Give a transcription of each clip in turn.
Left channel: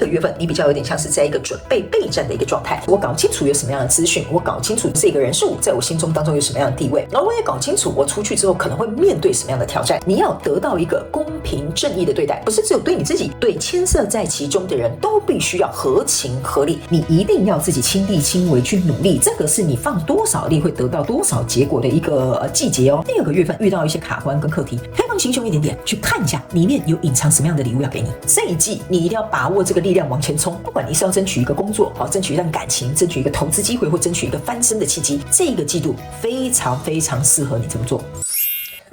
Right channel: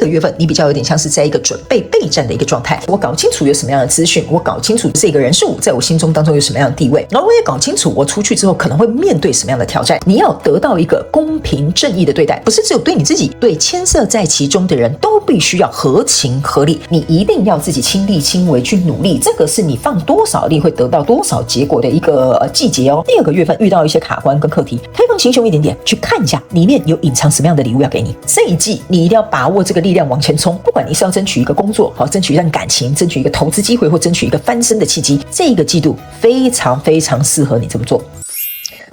个月份你比较有点像是在一个准备备战的一个状态，我搞清楚有什么样的资讯，我搞清楚这个人数在我心中当中有什么样的地位，然后我也搞清楚我出去之后可能会面对什么样的挑战。你要得到一个公平正义的对待，不是只有对你自己，对牵涉在其中的人都必须要合情合理，你一定要自己亲力亲为去努力，这个是你放多少力会得到多少结果的一个季节哦。第二个月份遇到一些卡关跟课题，可以放心胸一点点，去看一下里面有隐藏什么样的礼物要给你。这一季你一定要把握这个力量往前冲，不管你是要争取一个工作，争取一段感情，争取一个投资机会，或争取一个翻身的契机，这个季度非常非常适合你这么做。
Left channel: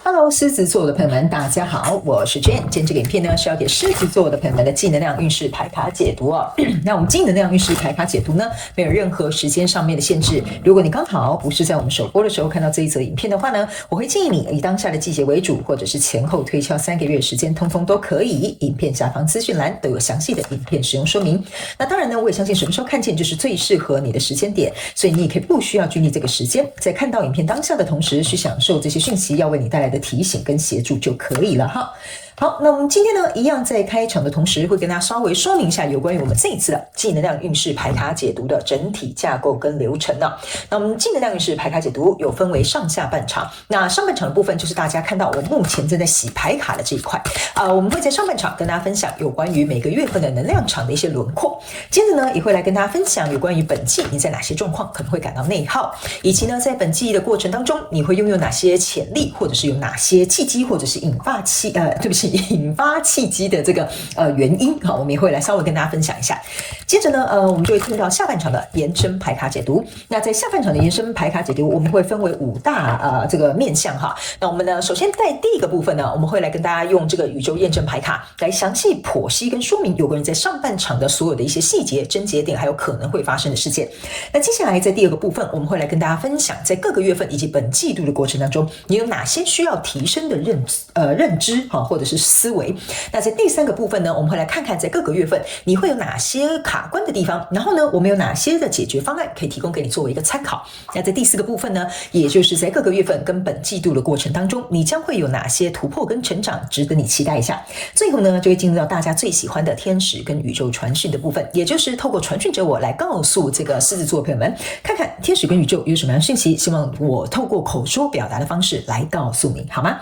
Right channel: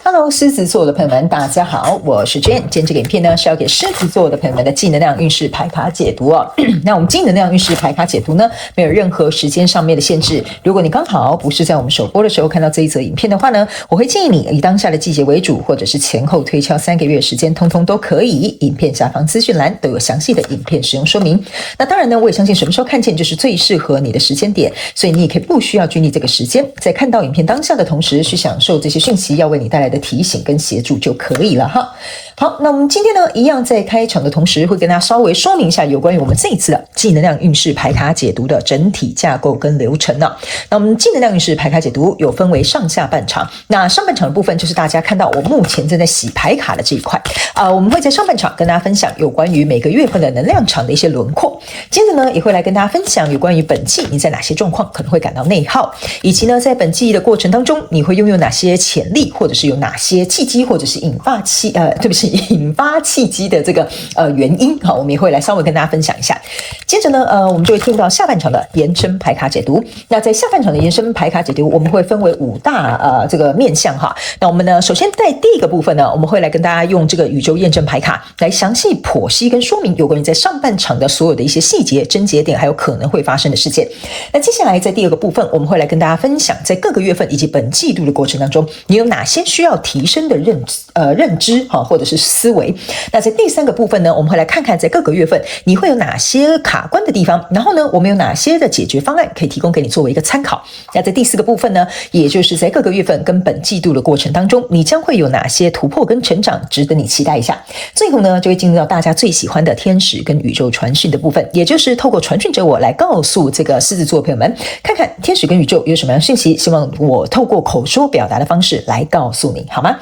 Hello， 狮子座的朋友们，大家好，我是 Jane。今天这个影片呢是要给狮子座的朋友们的正能量运势牌卡解读哦。那我们正能量运势牌卡解读呢，没有任何时间上面的限制。如果你刚好不是在我们首播的时候看到这一则影片的话呢，我会建议你以当下的季节为主，或者是前后推敲3个月时间，通通都可以。影片下方资讯栏都有详细的影片使用说明。那当然呢，我也相信什么时候看见就是最适合你的时间点，所以你也可以不需要拘泥这个时间，在看到影片当下的同时，去享受这些讯息要为你带来的提醒跟协助就可以了哈。好，那我们今天呢，一样在开场的同时，会跟大家稍微说明一下有关于我们这一次的正能量运势牌卡解读的整体架构跟流程呢。那我们正能量运势牌卡解读有分为上下半场，那上半场的部分就是大家看到我目前正在洗牌卡的这一块我们会在上半场跟大家分享有关于每个月份的能量场的一些轮廓，接着呢也会来跟大家分享有关于本季你在哪些状况可能会感到内耗，以及呢在本季的过程当中你会拥有哪些潜力，或者是有哪些契机，或者是引发契机的这个原因。好，我们也会来稍微跟大家分享一下。接着呢我们就会进入到下半场的延伸牌卡解读。那在下半场的延伸牌卡解读，我们会分为5大这个面向哈。那我们呢首先在第一个部分呢，我们会来跟大家用这个宇宙验证牌卡来详细剖析跟说明有关于在上半场的所有的一些细节、症结点，还有可能会发生的事件。那接下来在第二个部分，我们会来跟大家分享在各个月份以及本季度的过程当中，你有哪些需要提升的认知或者是思维。那在第3个部分呢，我们会来看看在各个月份你会有哪些卡关的地方，然后呢我们有哪些的解决方案可以提供给你作为一个参考。那在第4个部分呢，也就是在各个月份跟本季度的过程当中，你将会有哪些突破跟成长值得你期待一下。最后呢就会进入到大家最喜欢的天使跟宇宙传讯的部分，也就是透过传讯者我来告诉这个狮子座朋友们，看看天使跟宇宙有什么样的讯息，希望我透过口说表达的方式来告诉你，好吗？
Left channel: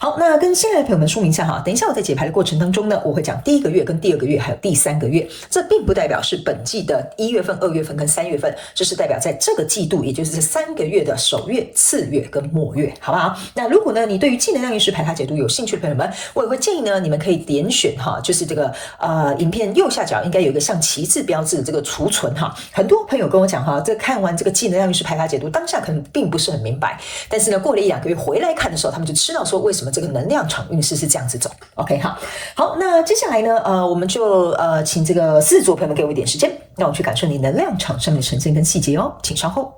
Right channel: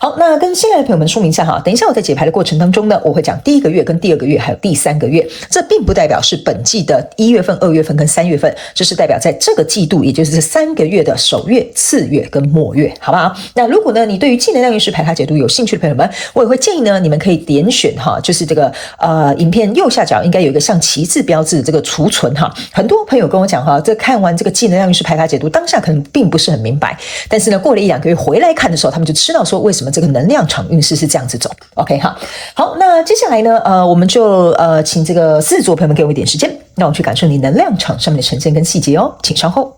好，那跟新来的朋友们说明一下哈，等一下我在解牌的过程当中呢，我会讲第1个月跟第2个月还有第3个月，这并不代表是本季的1月份、2月份跟3月份，这是代表在这个季度，也就是这3个月的首月、次月跟末月，好不好？那如果呢你对于正能量运势牌卡解读有兴趣的朋友们，我也会建议呢你们可以点选就是这个影片右下角应该有一个像旗帜标志的这个储存哈。很多朋友跟我讲这看完这个正能量运势牌卡解读，当下可能并不是很明白，但是呢过了1-2个月回来看的时候，他们就知道说为什么这个能量场运势是这样子走。OK 好，那接下来呢我们就请这个狮子座朋友们给我一点时间，让我们去感受你能量场上面的呈现跟细节哦，请稍后。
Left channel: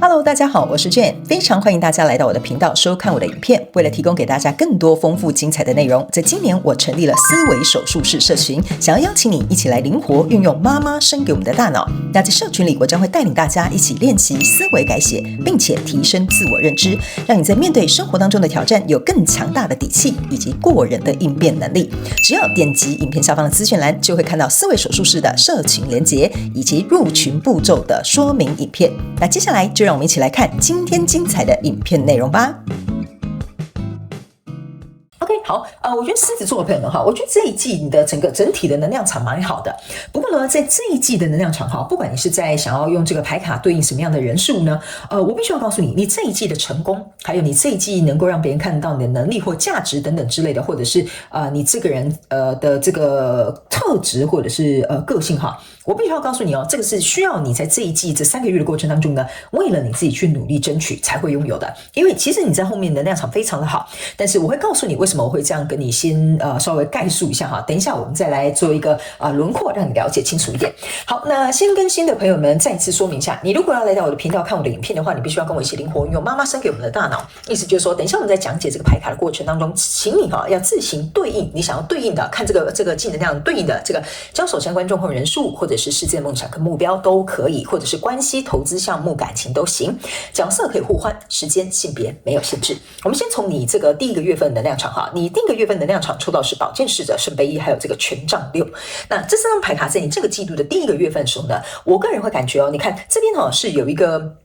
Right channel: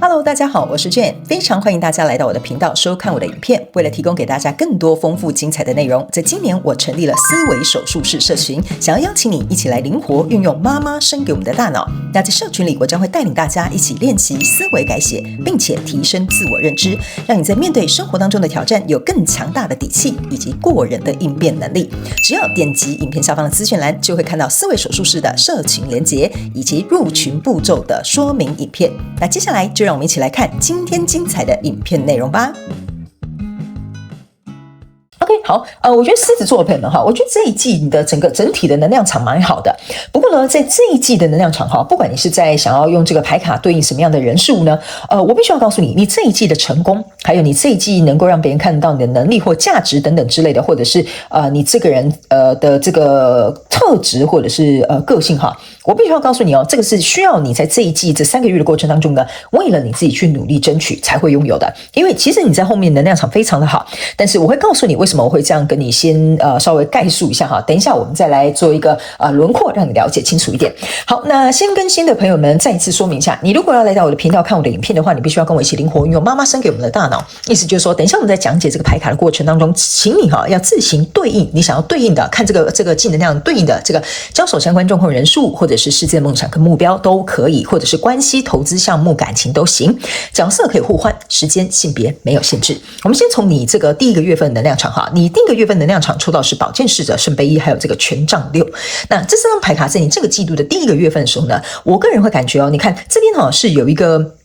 Hello， 大家好，我是 Jane， 非常欢迎大家来到我的频道收看我的影片。为了提供给大家更多丰富精彩的内容，在今年我成立了思维手术室社群，想要邀请你一起来灵活运用妈妈生给我们的大脑。那在社群里，我将会带领大家一起练习思维改写，并且提升自我认知，让你在面对生活当中的挑战有更强大的底气以及过人的应变能力。只要点击影片下方的资讯栏，就会看到思维手术室的社群连结以及入群步骤的说明影片。那接下来就让我们一起来看今天精彩的影片内容吧。好，我觉得狮子座的朋友们我觉得这一季你的整体的能量场蛮好的。不过呢，在这一季的能量场不管你是在想要用这个牌卡对应什么样的人事物呢，我必须要告诉你，你这一季的成功，还有你这一季能够让别人看到你的能力或价值等等之类的，或者是你这个人的这个特质或者是个性我必须要告诉你这个是需要你在这一季这3个月的过程当中呢，为了你自己去努力争取才会拥有的。因为其实你在后面能量场非常的好，但是我会告诉你为什么我会这样跟你先稍微概述一下等一下我们再来做一个轮廓，让你了解清楚一点。好，那先跟新的朋友们再一次说明一下，你如果要来到我的频道看我的影片的话，你必须要跟我一起灵活运用妈妈生给我们的大脑。意思就是说，等一下我们在讲解这个牌卡的过程当中，请你要自行对应你想要对应的，看这个正能量对应的这个交手相关状况人数，或者者是世界梦想跟目标都可以，或者是关系、投资项目、感情都行，角色可以互换，时间、性别没有限制。我们先从你这个第一个月份能量场哈，你第一个月份能量场抽到是宝剑侍者、圣杯一，还有这个权杖6。那这4张牌卡在你这个季度的第一个月份的时候呢，我个人会感觉哦，你看这边哈是有一个。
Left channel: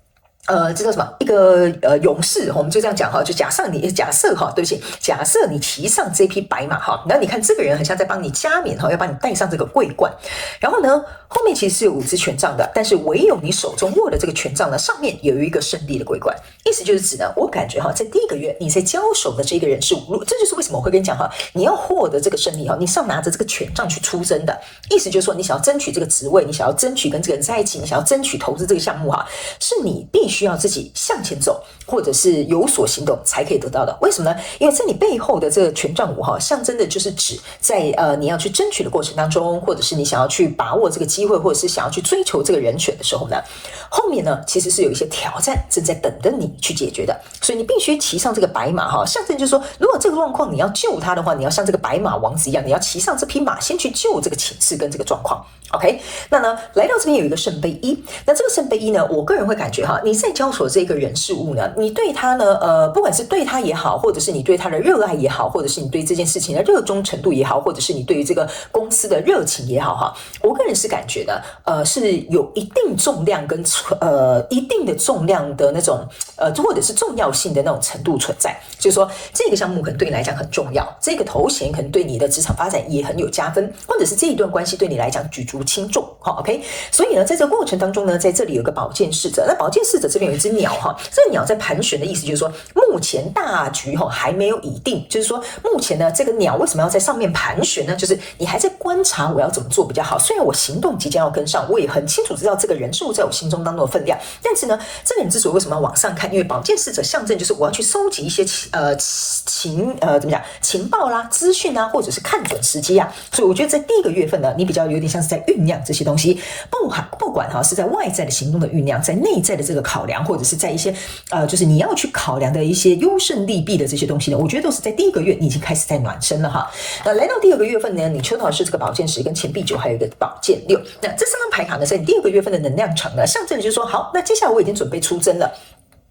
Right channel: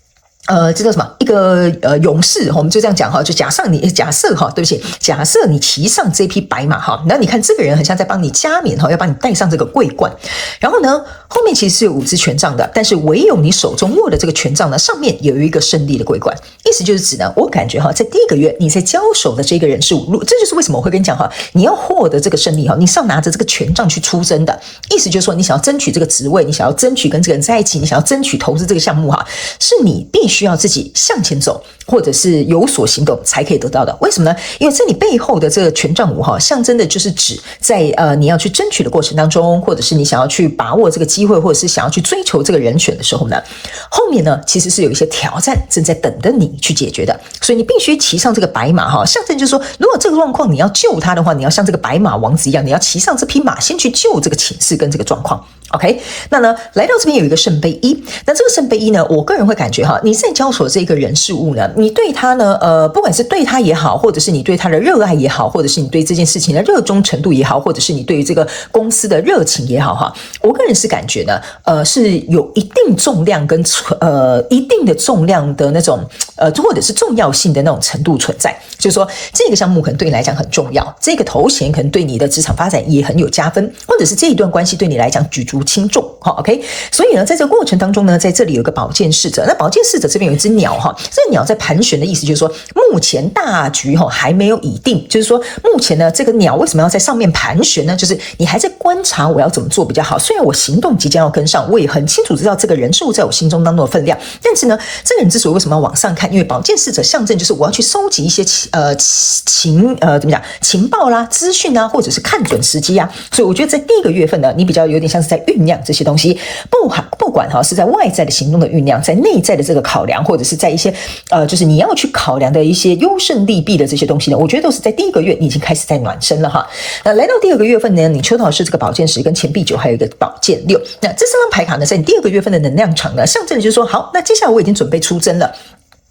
这叫什么？一个勇士，我们就这样讲哈，就假设哈，对不起，假设你骑上这匹白马哈，那你看这个人很像在帮你加冕哈，要帮你戴上这个桂冠，然后呢，后面其实是有5支权杖的，但是唯有你手中握的这个权杖呢，上面有一个胜利的桂冠，意思就是指呢，我感觉哈，在第一个月你在交手的这个人事物，这就是为什么我会跟你讲哈，你要获得这个胜利哈，你是要拿着这个权杖去出征的，意思就是说，你想要争取这个职位，你想要争取跟这个人在一起，你想要争取投资这个项目哈，是你必须要自己向前走，或者是有所行动才可以得到的。为什么呢？因为这里背后的这个权杖5哈，象征的就是指在你要去争取的过程当中，或者是你想要去把握这个机会，或者是想要去追求这个人选的时候呢，后面呢其实是有一些挑战正在等着你去解决的。所以你必须骑上这个白马哈，象征就是说，如果这个状况你要救他的话，你要像这个白马王子一样，你要骑上这匹马，先去救这个情势跟这个状况。OK， 那呢，来到这边有一个圣杯1，那这个圣杯1呢，我个人会感觉哈，你在交手这个人事物呢，你对他呢，不管是对他也好，或者是你对他的热爱也好，或者是你对这件事情的热衷程度也好，或者是你对于这个公司的热情也好哈，我个人是感觉呢，是有一定重量跟一定的重量的那种或者是重要性的那种程度存在，就是说这个项目可能对你来讲很重要，这个头衔可能对你的职场发展也很有加分，或者是这一段关系对你来讲举足轻重。OK， 所以呢，在这个过程当中呢，在这里有个宝剑侍者，那宝剑侍者这边有一只鸟哈，这个鸟在盘旋的意思就是说，目前大局还没有已定，就是说目前呢，这个鸟为什么要在上面盘旋呢？就是你还在观察我要怎么做比较好。虽然我行动即将要跟上，我也很清楚知道这个人事物在我心中当中的分量，但是呢，这个人之所以为什么要往上看，因为宝剑侍者象征就是我要去收集一些情报啦、资讯啊，或者是看准时机啊。所以我觉得在第一个月份呢，你比较有点像是在酝酿这些东西，不管是在外在的行动的酝酿，在内在的这个考量，或者是在一些就是你要去考量的一些优胜利弊的这些东西呢，我觉得都是在第一个月你已经开始在暖身了哈。来到第二个月份呢，你抽到的是这个宝剑10跟钱币9，还有一个宝剑6。那这3张牌卡呢，在你第二个月份的能量场呢，象征的就是说，好，那接下来我已经准备出征了。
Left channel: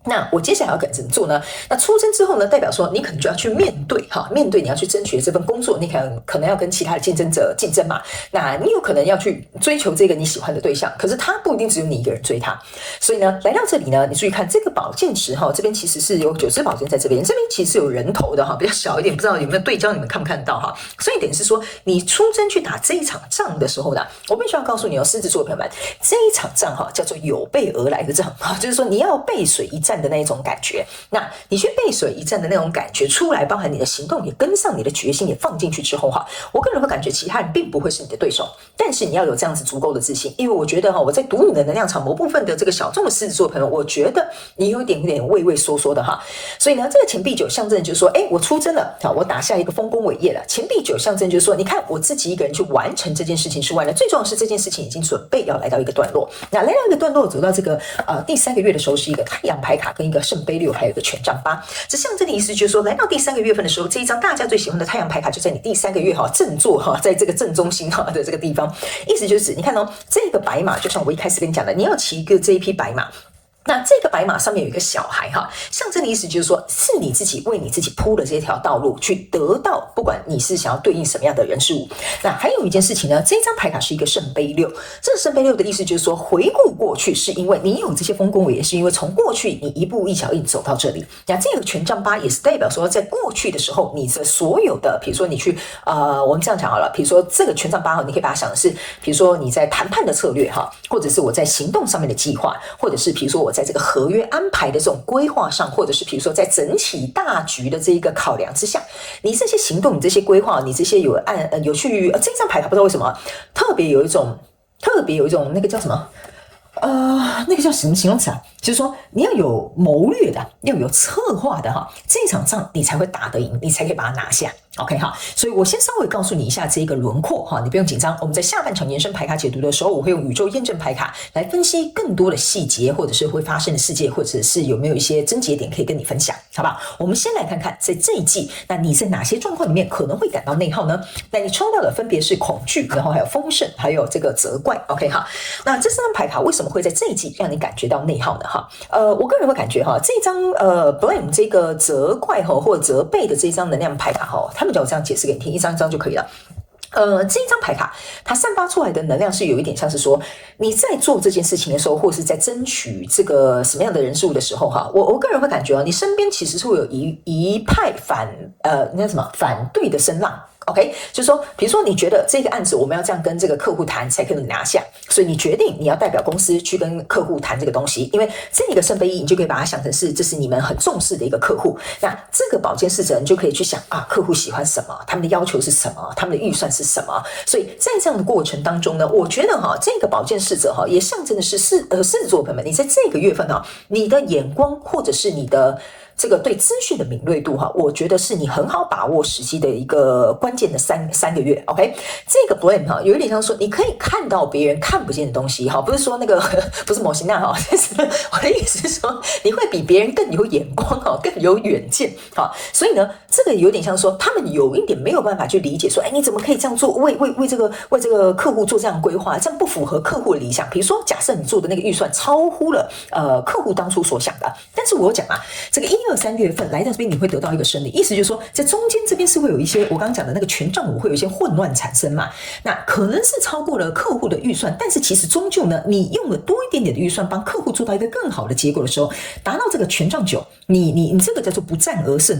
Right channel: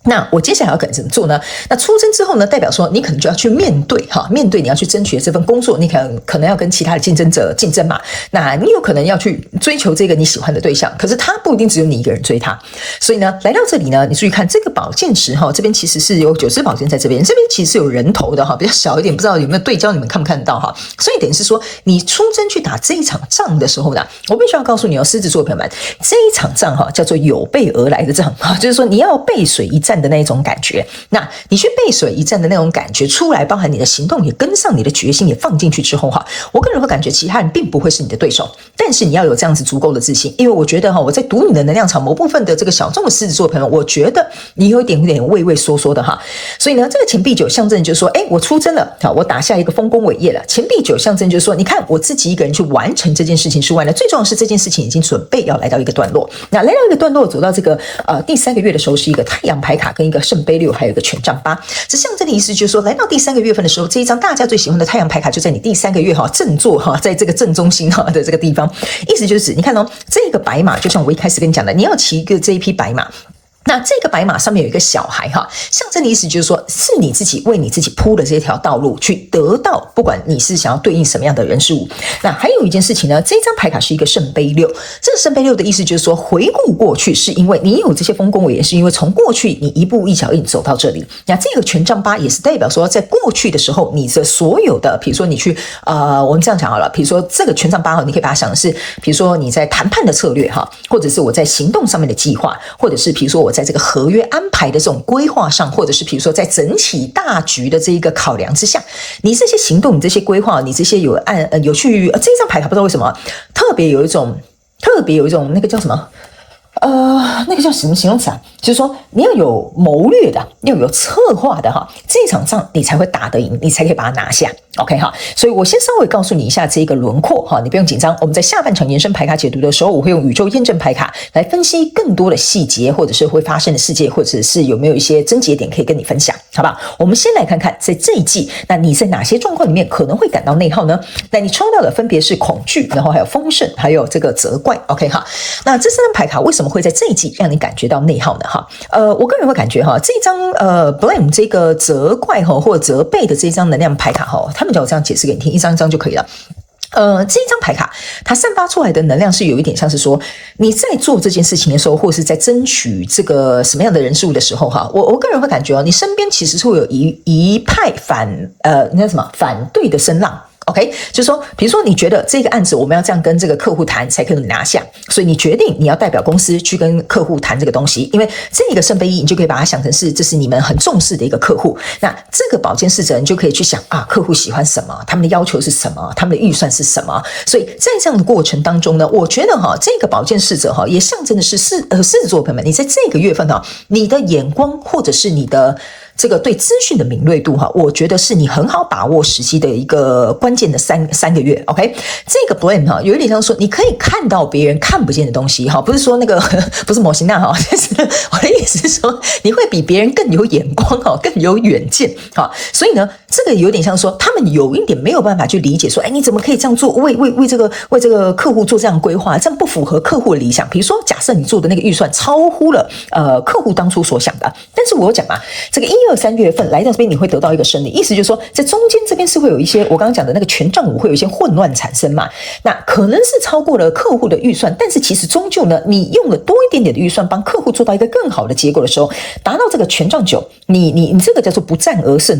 那我接下来要怎么做呢？那出征之后呢，代表说你可能就要去面对你要去争取的这份工作，你可能要跟其他的竞争者竞争嘛。那你有可能要去追求这个你喜欢的对象，可是他不一定只有你一个人追他。所以呢，来到这里呢，你注意看这个宝剑10哈，这边其实是有9支宝剑在这边，这边其实是有人头的哈，比较小一点，不知道有没有对焦，你们看不看得到哈？所以等于是说，你出征去打这一场仗的时候呢，我必须要告诉你哦，狮子座朋友们，这一场仗哈叫做有备而来的仗，就是说你要背水一战的那一种感觉，那你去背水一战的那种感觉出来，包含你的行动也跟上，你的决心也放进去之后哈，我个人会感觉其他人并不会是你的对手，但是你要有这样子足够的自信，因为我觉得哈，我在读你的能量场某部分的这个小众的狮子座朋友，我觉得你有一点畏畏缩缩的哈，所以呢，这个钱币9象征就是说，我出征了，好，我打下一个丰功伟业了。钱币9象征就是说，你看我自己一个人去完成这件事情之外呢，最重要的是这件事情已经准备要来到一个段落。那来到一个段落，走到这个第3个月的时候，是一个太阳牌卡跟一个圣杯6，还有一个权杖8。这象征的意思就是说，来到第3个月份的时候，这一张大家最喜欢的太阳牌卡就在你第3个月正座在这个正中心的这个地方，意思就是你看哦，这个白马就像我一开始跟你讲的，你要骑一个这一匹白马。那这个白马上面有一个小孩哈，象征的意思就是说，是你自己为你自己铺的这条道路，去得到不管你是想要对应什么样的人事物。那还有一件事情呢，这张牌卡是一个圣杯6，这个圣杯6的意思就是说，回顾过去是因为你有这些丰功伟业，是因为从过去你一步一脚印走到这里。那这个权杖8也是代表说，在过去的时候，你的所有的，比如说你去我们这样讲好了，比如说这个权杖8你可以把它想的是，比如说你在谈判的策略哈，或者是我在行动上面的计划，或者是比如说我在这个合约安排的这种规划上，或者是比如说在整体大局的这一个考量之下，你这些行动，你这些规划，你这些有去这张牌卡不知道为什么特别有一种那个叫什么那个叫什么形容词啊？就是说你要有谋略的，要有策划的哈，这场仗你才会打得赢，你才可以把它拿下。OK 哈，所以我先稍微告诉你一下这个轮廓哈，你不用紧张。我们在下半场延伸牌卡解读的时候，我会用宇宙验证牌卡来分析更多的细节，或者是会发生的事件，或者是有没有一些症结点可以跟你分享，好不好？我们先来看看在这一季，那你在哪些状况里面可能会感到内耗呢？那你抽到的分别是恐惧，然后还有丰盛，还有这个责怪。OK 哈，那这3张牌卡为什么会在这一季让你感觉到内耗呢？哈，我个人会感觉哈，这张blame 这个责怪哈或责备的这张能量牌卡哈，他们叫我这样解释给你听，一张一张就可以了。这张牌卡它散发出来的能量是有一点像是说你在做这件事情的时候，或是在争取这个什么样的人事物的时候哈，我个人会感觉你身边其实是会有一派反对的声浪。OK， 就是说，比如说你觉得这个案子我们要这样跟这个客户谈才可以拿下，所以你决定你要代表公司去跟客户谈这个东西，因为这个圣杯一你就可以把它想成是这是你们很重视的一个客户，那这个宝剑侍者你就可以去想啊，客户喜欢什么，他们的要求是什么，他们的预算是什么，所以在这样的过程当中呢，我觉得这个宝剑侍者也象征的是狮子座朋友们，你在这个月份你的眼光或者是你的这个对资讯的敏锐度我觉得是你很好把握时机的一个关键的三个月。OK， 这个 blame 有一点像说你可以看到别人看不见的东西不是说那个不是模型那就是我的意思是说你会比别人更有眼光更有远见所以呢，这个有点像说他们有一点没有办法去理解说，你怎么可以这样做，为这个客户做这样规划，这样不符合客户的理想。比如说，假设你做的那个预算超乎了客户当初所想的，但是我有讲这个1、2、3月份来到这边你会得到一个胜利，意思就是说在中间这边是会有一些我刚刚讲的那个权杖五会有一些混乱产生嘛，那可能是超过了客户的预算，但是其实终究呢，你用了多一点点的预算帮客户做到一个更好的结果的时候，达到这个权杖9，你这个叫做不战而胜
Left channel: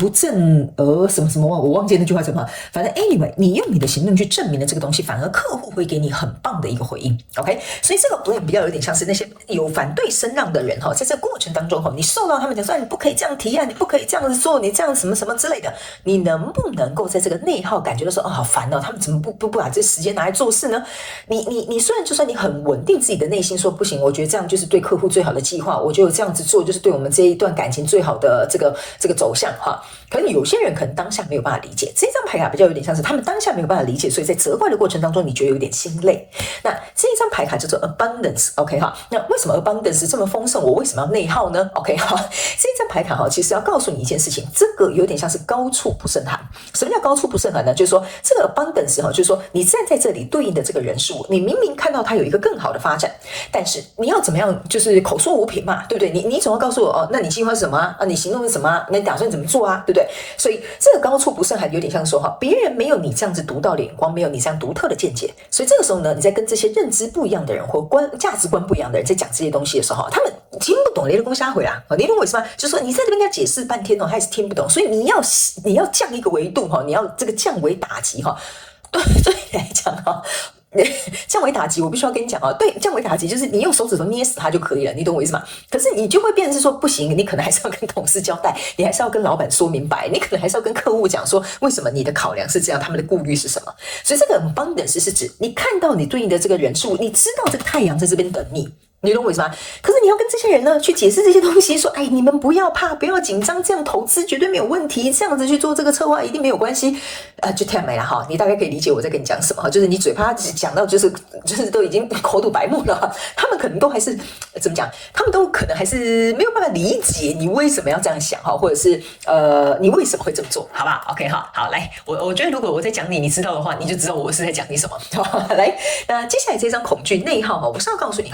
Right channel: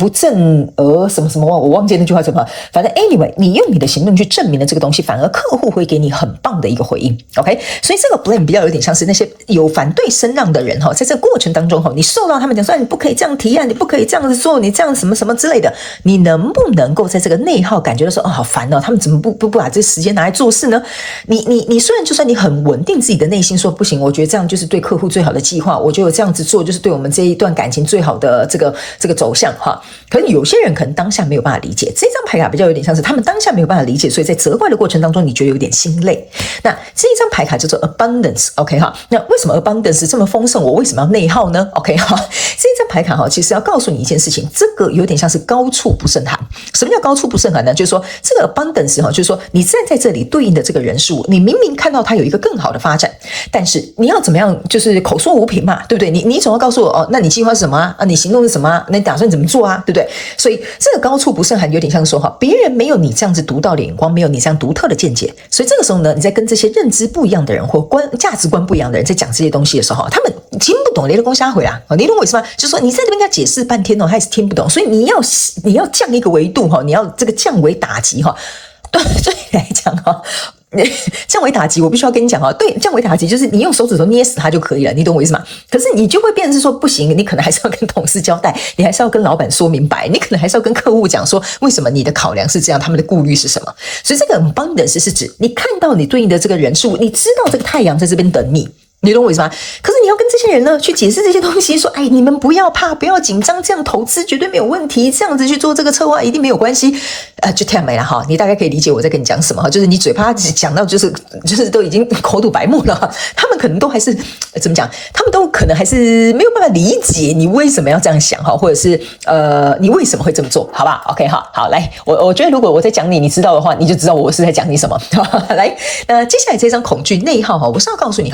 不战而什么什么，我忘记那句话怎么，反正 anyway 你用你的行动去证明了这个东西，反而客户会给你很棒的一个回应。 OK， 所以这个 blame 比较有点像是那些有反对声浪的人在这个过程当中你受到他们讲说你不可以这样提案，你不可以这样子做，你这样什么什么之类的，你能不能够在这个内耗感觉到说好烦他们怎么不把这时间拿来做事呢？你虽然就算你很稳定自己的内心说不行，我觉得这样就是对客户最好的计划，我觉得这样子做就是对我们这一段感情最好的这个走向可是有些人可能当下没有办法理解，这张牌卡比较有点像是他们当下没有办法理解，所以在责怪的过程当中你觉得有点心累。那这一张牌卡叫做 abundance。 OK 那为什么 abundance 这么丰盛，我为什么要内耗呢？ OK 这一张牌卡其实要告诉你一件事情，这个有点像是高处不胜寒。什么叫高处不胜寒呢？就是说这个 abundance 就是说你站在这里对应的这个人事物，你明明看到它有一个更好的发展，但是你要怎么样就是口说无凭嘛，对不对？你总要告诉我那你计划是什么啊？你行动是什么啊？那你打算怎么做啊？对不对？所以这个高处不胜寒有点像说别人没有你这样子独到的眼光，没有你这样独特的见解，所以这个时候呢，你在跟这些认知不一样的人或价值观不一样的人在讲这些东西的时候，他们听不懂，你的公瞎回啊，你懂我意思吗？就是说你在这边跟他解释半天他还是听不懂，所以你要降一个维度你要这个降维打击对你来讲降维打击，我必须要跟你讲对，降维打击就是你用手指头捏死它就可以了，你懂我意思吗？可是你就会变成是说不行，你可能还是要跟同事交代，你还是要跟老板说明白，你可能还是要跟客户讲说为什么你的考量是这样，他们的顾虑是什么。所以这个 abundance 是指你看到你对应的这个人数，你知道这个太阳在这边等你，你懂我意思吗？可是你要跟这些人呢去解释这些东西，说你们不要怕，不要紧张，这样投资绝对没有问题，这样子去做这个策划一定没有关系，就太没了你大概可以理解我在跟你讲什么就是你嘴巴讲到就是都已经口吐白沫了，他们可能都还是怎么讲，他们都可能还是没有办法理解你为什么要这样想或者是你为什么会这么做，好吧 ？OK 好来，我觉得如果我在讲你知道的话，你就知道我是在讲你什么。来，接下来这张恐惧内耗我是要告诉你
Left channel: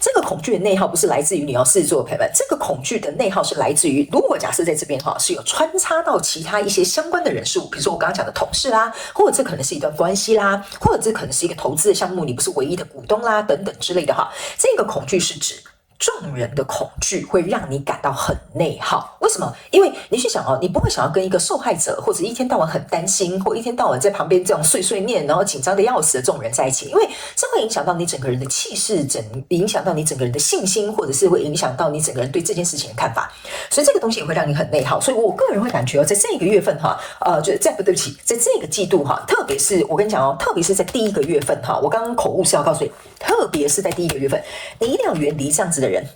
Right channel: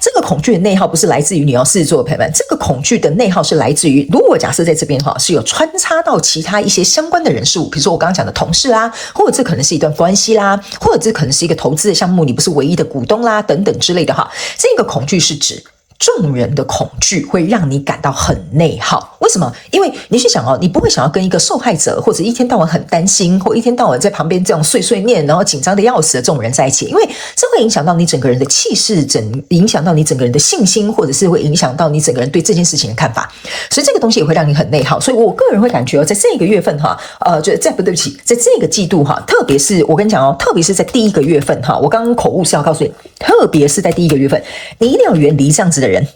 这个恐惧的内耗不是来自于你要狮子座的朋友们，这个恐惧的内耗是来自于，如果假设在这边是有穿插到其他一些相关的人事物，比如说我刚刚讲的同事啦，或者这可能是一段关系啦，或者这可能是一个投资的项目，你不是唯一的股东啦，等等之类的这个恐惧是指众人的恐惧会让你感到很内耗。为什么？因为你去想哦，你不会想要跟一个受害者或者一天到晚很担心，或一天到晚在旁边这样碎碎念，然后紧张的要死的这种人在一起，因为这会影响到你整个人的气势，影响到你整个人的信心，或者是会影响到你整个人对这件事情的看法。所以这个东西也会让你很内耗。所以我个人会感觉在这个月份哈，对不起，在这个季度哈，特别是我跟你讲哦，特别是在第一个月份哈，我刚刚口误是要告诉你，特别是在第一个月份，你一定要远离这样子的人。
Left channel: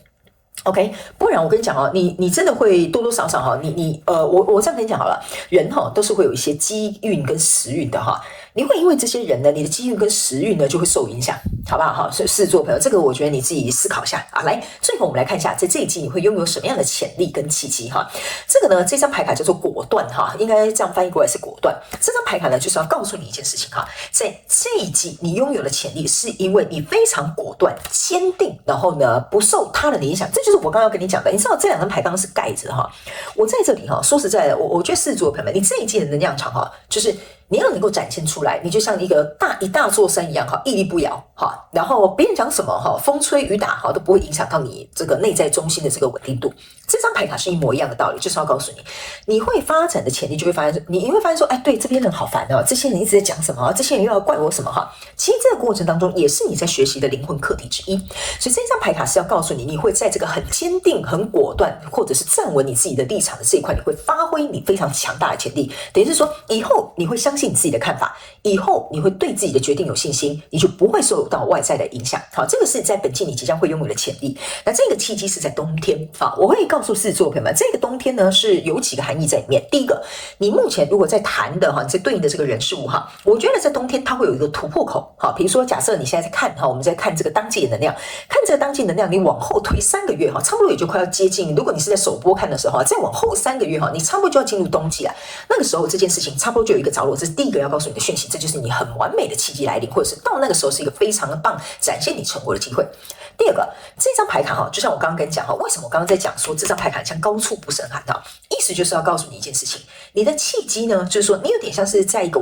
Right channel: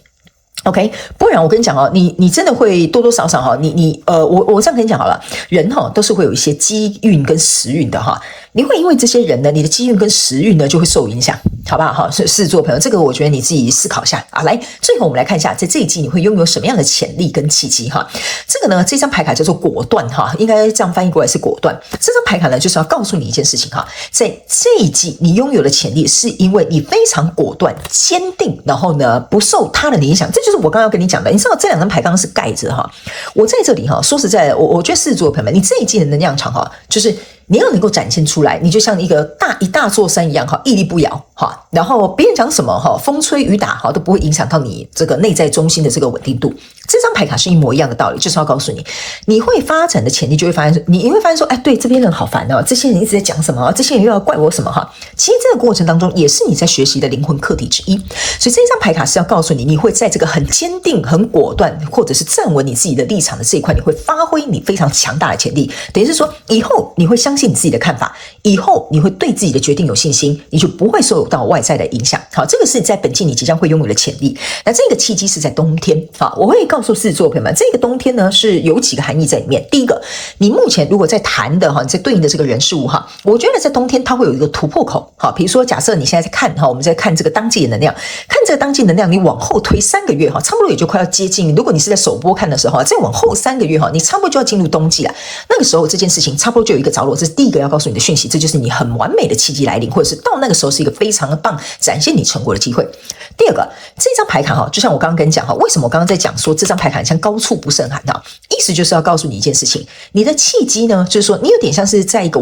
OK， 不然我跟你讲哦，你真的会多多少少哈，我这样跟你讲好了，人哈都是会有一些机运跟时运的哈，你会因为这些人呢，你的机运跟时运呢就会受影响，好不好？哈，狮子座朋友，这个我觉得你自己思考一下啊。来，最后我们来看一下，在这一季你会拥有什么样的潜力跟契机哈？这个呢，这张牌卡叫做果断哈，应该这样翻译过来是果断。这张牌卡呢，就是要告诉你一件事情哈，在这一季你拥有的潜力，是因为你非常果断、坚定，然后呢不受他人的影响，这就是我刚刚要跟你讲的。你知道这两张牌刚刚是盖着哈，我在这里哈，说实在的，我觉得狮子座的朋友们，你这一季的能量场哈，就是你要能够展现出来，你就像一大座山一样哈，屹立不摇哈。然后别人讲什么哈，风吹雨打哈，都不会影响到你这个内在中心的这个稳定度。这张牌卡是一模一样的道理，就是要告诉你，你会发展的潜力就会发现，你会发现说，哎，对，这边人好烦哦，这些人一直在讲什么，这些人又要怪我什么哈。其实这个过程当中也是你在学习的灵魂课题之一。所以这张牌卡是要告诉你，你会在这个很坚定、很果断，或者是站稳你自己的立场的这一块，你会发挥你非常强大的潜力。等于是说，以后你会相信你自己的看法，以后你会对自己的决定有信心，你就不会受到外在的影响。好，这个是在本季你即将会拥有的潜力。那这个契机是在冬天。好，我会告诉狮子座朋友们，这个冬天呢是有几个含义在里面。第一个，你目前如果在谈的哈，在对应的这个人事物哈，我觉得在冬天它会有一个突破口。好，比如说假设你现在在看哈，我们在看这个当季的能量，看这个当季能量，你往后推3个月哈，差不多也就快要接近。如果你是在首播看的时候，再往后3个月哈，你差不多就要进入冬季了。那个时候这件事情差不多就有一个着落，这是第一个要告诉你的讯息，这就是你很完美的契机来临，或者是到那个时候是一个非常的棒展现你成果的机会。第二个，这张牌卡哈，就像我刚刚跟你讲哈，为什么我刚刚在讲说这张牌卡像高处不胜寒哈，意思就是要告诉你一件事情，你的契机呢，就是说你有点像是在一个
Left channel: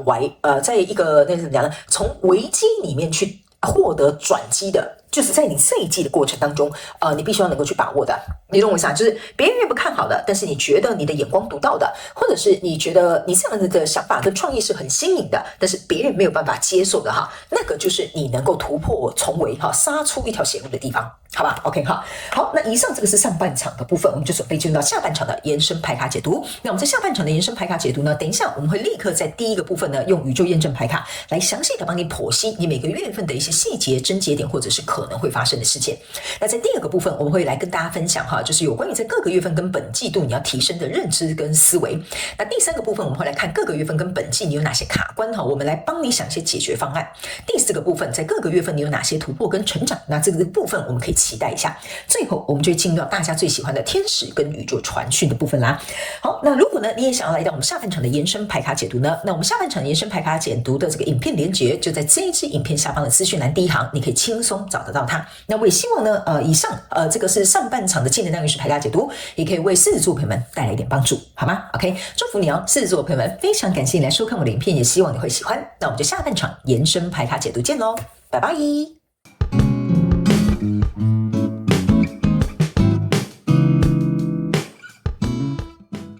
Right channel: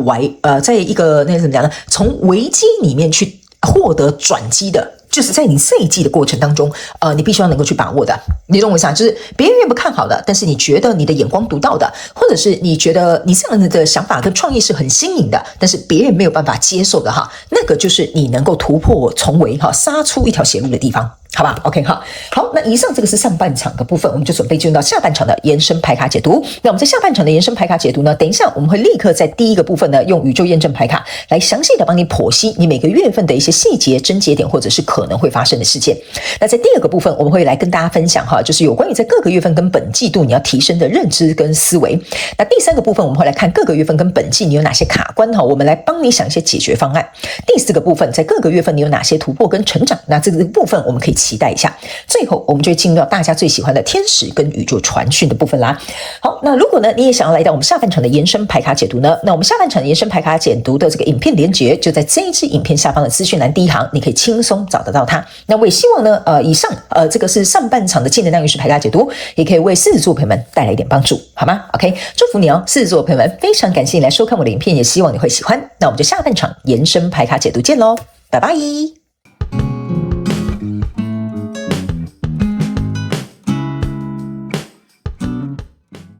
在一个那个怎么讲呢，从危机里面去获得转机的。就是在你这一季的过程当中，你必须要能够去把握的，你懂我意思啊？就是别人越不看好的，但是你觉得你的眼光独到的，或者是你觉得你这样子的想法跟创意是很新颖的，但是别人没有办法接受的哈，那个就是你能够突破重围哈，杀出一条血路的地方。好吧 ，OK 哈，好，那以上这个是上半场的部分，我们就准备进入到下半场的延伸牌卡解读。那我们在下半场的延伸牌卡解读呢，等一下我们会立刻在第一个部分呢，用宇宙验证牌卡来详细的帮你剖析你每个月份的一些细节、症结点，或者是可能会发生的事件。那在第二个部分，我们会来跟大家分享哈，就是有关于在各个月份跟本季度你要提升的认知跟思维。那第三个部分，我们会来看各个月份跟本季你有哪些卡关哈，我们来帮你想一些解决方案。第四个部分，在各个月份你有哪些突破跟成长，那这个部分我们可以期待一下。最后我们就会进入到大家最喜欢的天使跟宇宙传讯的部分啦。好，那如果呢你也想要来到我们下半场的延伸牌卡解读呢，那我们下半场的延伸牌卡解读的这个影片连结就在这一支影片下方的资讯栏第一行，你可以轻松找得到它。那我也希望呢以上这个是上半场的正能量运势牌卡解读，也可以为狮子座朋友们带来一点帮助，好吗 ？OK， 祝福你哦，狮子座朋友们，非常感谢你来收看我的影片，也希望你会喜欢。那我们就下半场延伸牌卡解读见喽，拜拜。